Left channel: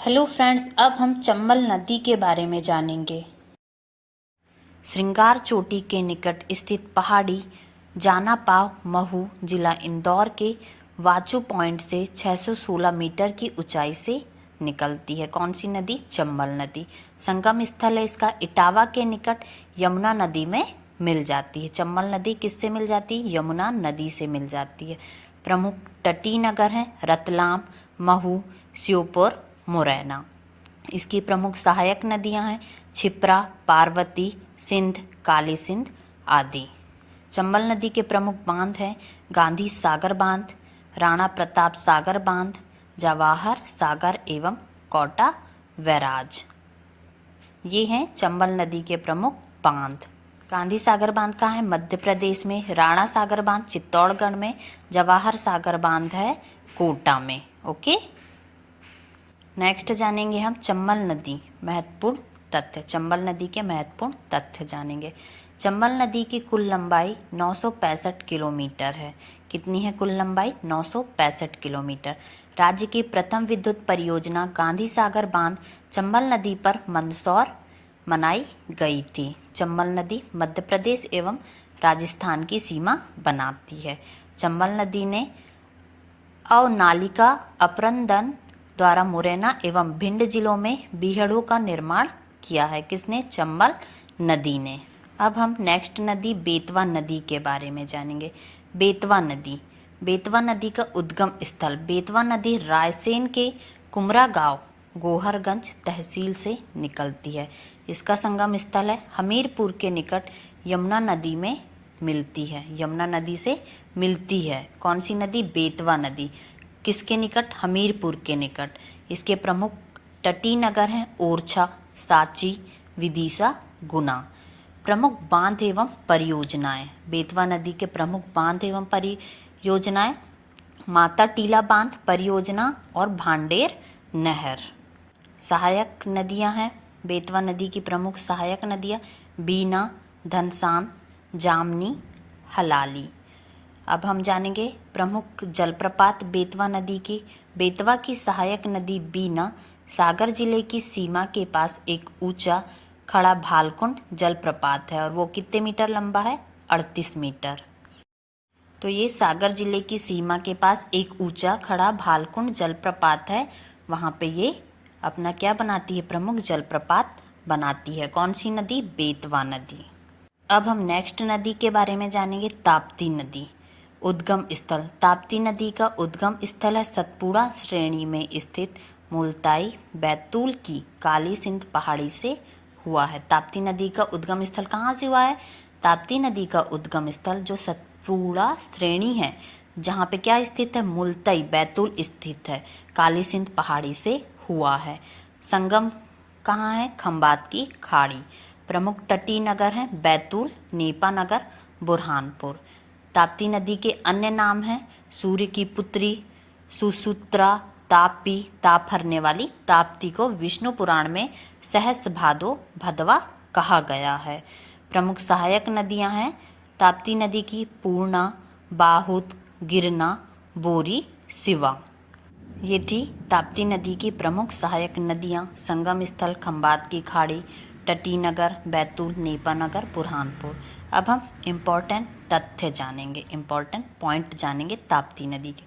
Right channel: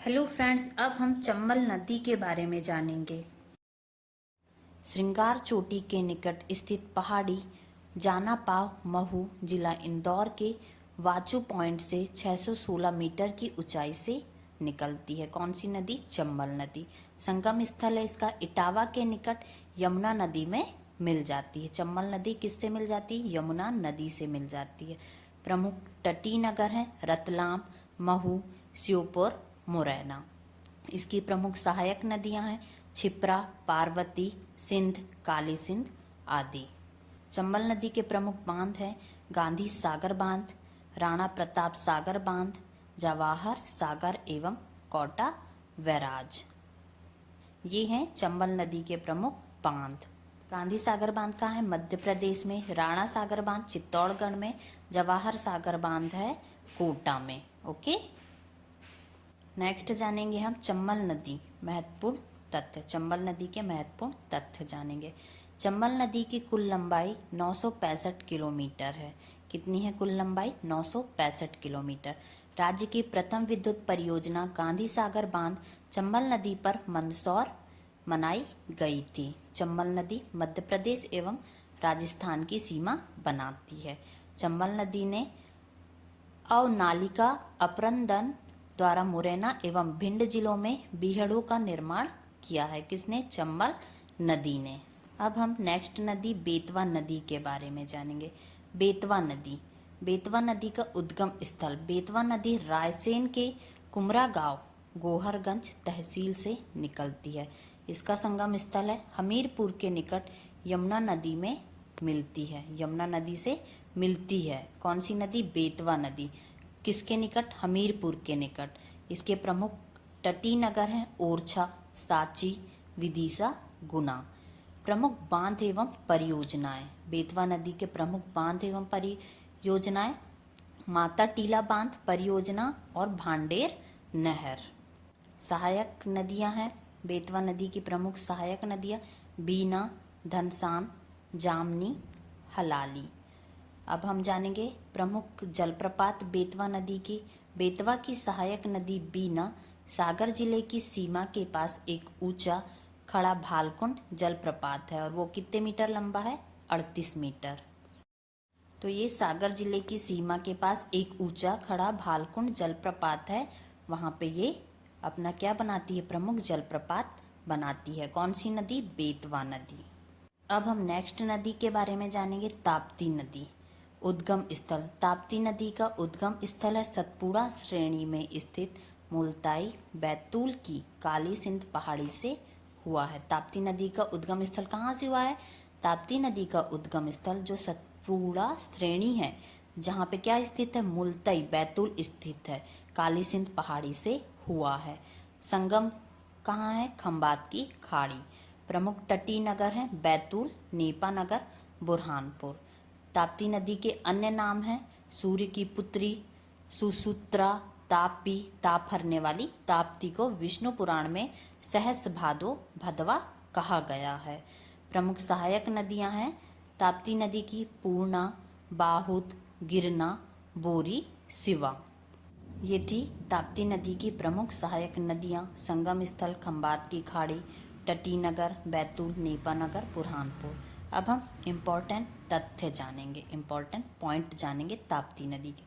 Hello friends, अब हम चंबल नदी के बारे में जानेंगे। श्रृंगार चोटी के निकट स्थित पहाड़ी जानापाव महू जिला इंदौर के वाचू पॉइंट से 616 मीटर की ऊंचाई से निकलती है। कौन सी नदी? चंबल नदी। संगम स्थल है इसका इटावा के निकट यमुना नदी में मिल जाती है। चंबल नदी किससे मिल जाती है? यमुना नदी से मिल जाती है। प्रमुख तटीय नगर हैं रतलाम, महू, श्योपुर, मुरैना। इसकी प्रमुख सहायक नदियां हैं छिप्रा, पार्वती, सिंध, काली सिंध आदि। चंबल नदी के प्रमुख बांध हैं गांधी सागर बांध, राणा प्रताप सागर बांध, जवाहर सागर एवं कोटा बैराज। ये हैं चंबल नदी के प्रमुख बांध। गांधी सागर बांध कहाँ है? मध्य प्रदेश में। राणा सागर बांध चित्तौड़गढ़ में। जवाहर सागर बांध है कोटा में। ओके, नेक्स्ट जानेंगे हम चंबल नदी महत्वपूर्ण तथ्य। चंबल नदी के महत्वपूर्ण तथ्य जानेंगे। चंबल नदी की कुल लंबाई 965 किलोमीटर है। कितनी है कुल लंबाई? 965 किलोमीटर। राज्य की प्रथम विद्युत परियोजना गांधी सागर बांध चंबल नदी पर मंदसौर बनाई गई थी। चंबल नदी मध्य प्रदेश एवं राजस्थान की सीमा बनाती है। चंबल नदी ने अवनालिका अपरदन द्वारा मुरैना एवं भिंड जिलों में बीहड़ों का निर्माण किया है। किसने? चंबल नदी ने। अब हम नेक्स्ट नदी बेतवा नदी के बारे में जानेंगे। बेतवा नदी। बेतवा नदी का उद्गम स्थल। बेतवा नदी रायसेन के कुमरा गांव गोहरगंज तहसील से निकलती है। इसका संगम स्थल है हमीरपुर के निकट यमुना नदी में मिलती है। यमुना नदी से मिलती है। कौन सी नदी? बेतवा नदी। किसके निकट? हमीरपुर के निकट। इसके प्रमुख तटीय नगर हैं ओरछा, सांची, विदिशा, गुना। प्रमुख बांध एवं परियोजनाएं। बेतवा नदी के प्रमुख बांध एवं परियोजनाएं माता टीला बांध परियोजना और भांडेर नहर। सहायक नदियां हैं बेतवा नदी की प्रमुख सहायक नदियां बीना, धनसान, जामनी, हलाली। अब हम जानेंगे प्रमुख जलप्रपात बेतवा नदी की। बेतवा की सहायक नदी बीना सागर जिले की सीमा के पास एक ऊंचा खड़ा भालकुंड जलप्रपात है और वो कितने मीटर लंबा है? 38 मीटर। तो ये सागर जिले की सीमा के पास एक ऊंचा खड़ा भालकुंड जलप्रपात है। वहाँ पे ये अपना क्या बनाती है? प्रमुख जलप्रपात बनाती है। कौन सी नदी? बेतवा नदी। अब हम नेक्स्ट नदी के बारे में जानेंगे ताप्ती नदी। उद्गम स्थल। ताप्ती नदी का उद्गम स्थल है सतपुड़ा श्रेणी में स्थित मुल्ताई बैतूल की काली सिंध पहाड़ी से हुआ है। ताप्ती नदी का उद्गम स्थल कहाँ से हुआ है? ताप्ती नदी का उद्गम स्थल जो सतपुड़ा श्रेणी है जहाँ पे क्या स्थित है? मुल्ताई बैतूल स्थित है, काली सिंध पहाड़ी से हुआ है। संगम कहाँ है? खंबात की खाड़ी। प्रमुख तटीय नगर हैं बैतूल, नेपा नगर, बुरहानपुर। ताप्ती नदी के अन्य नाम हैं सूर्य की पुत्री, सुसूत्रा, तापी, ताप हरने वाली। ताप्ती को विष्णु पुराण में सहस भादो भदवा कहा गया है। प्रमुख सहायक नदियां हैं ताप्ती नदी की पूर्णा, बाहुत, गिरना, बोरी, सिवा। ये थी ताप्ती नदी की प्रमुख सहायक नदियां। संगम स्थल खंबात की खाड़ी, तटीय नगर बैतूल, नेपा नगर, बुरहानपुर। अब हम इम्पोर्टेंट तथ्य जानेंगे, इम्पोर्टेंट पॉइंट जानेंगे ताप्ती नदी के।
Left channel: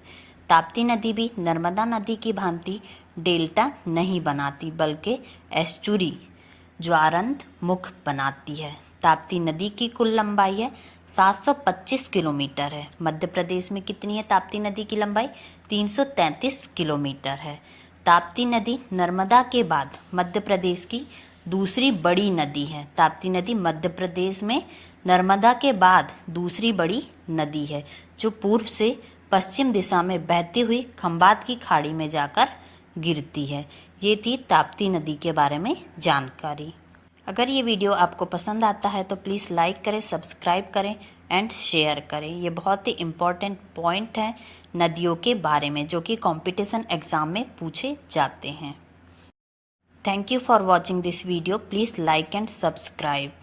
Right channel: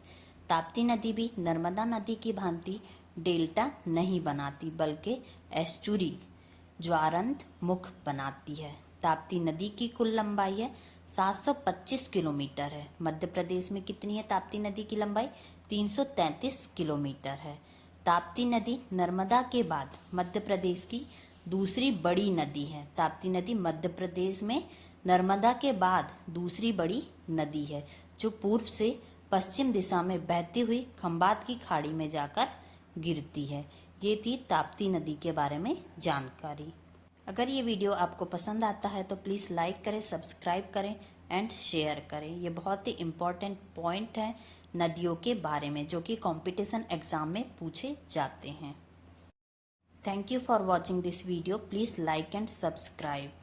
ताप्ती नदी भी नर्मदा नदी की भांति डेल्टा नहीं बनाती बल्कि एस्चुरी ज्वारंत मुख बनाती है। ताप्ती नदी की कुल लंबाई है 725 किलोमीटर है। मध्य प्रदेश में कितनी है ताप्ती नदी की लंबाई? 333 किलोमीटर है। ताप्ती नदी नर्मदा के बाद मध्य प्रदेश की दूसरी बड़ी नदी है। ताप्ती नदी मध्य प्रदेश में नर्मदा के बाद दूसरी बड़ी नदी है जो पूर्व से पश्चिम दिशा में बहती हुई खंबात की खाड़ी में जाकर गिरती है। ये थी ताप्ती नदी के बारे में जानकारी। अगर ये वीडियो आपको पसंद आता है तो प्लीज़ लाइक करें, सब्सक्राइब करें एंड शेयर करें। ये बहुत ही इम्पोर्टेंट पॉइंट है नदियों के बारे में जो कि कंपटीशन एग्जाम में पूछे जाते हैं। Thank you for watching this video. Please like and subscribe.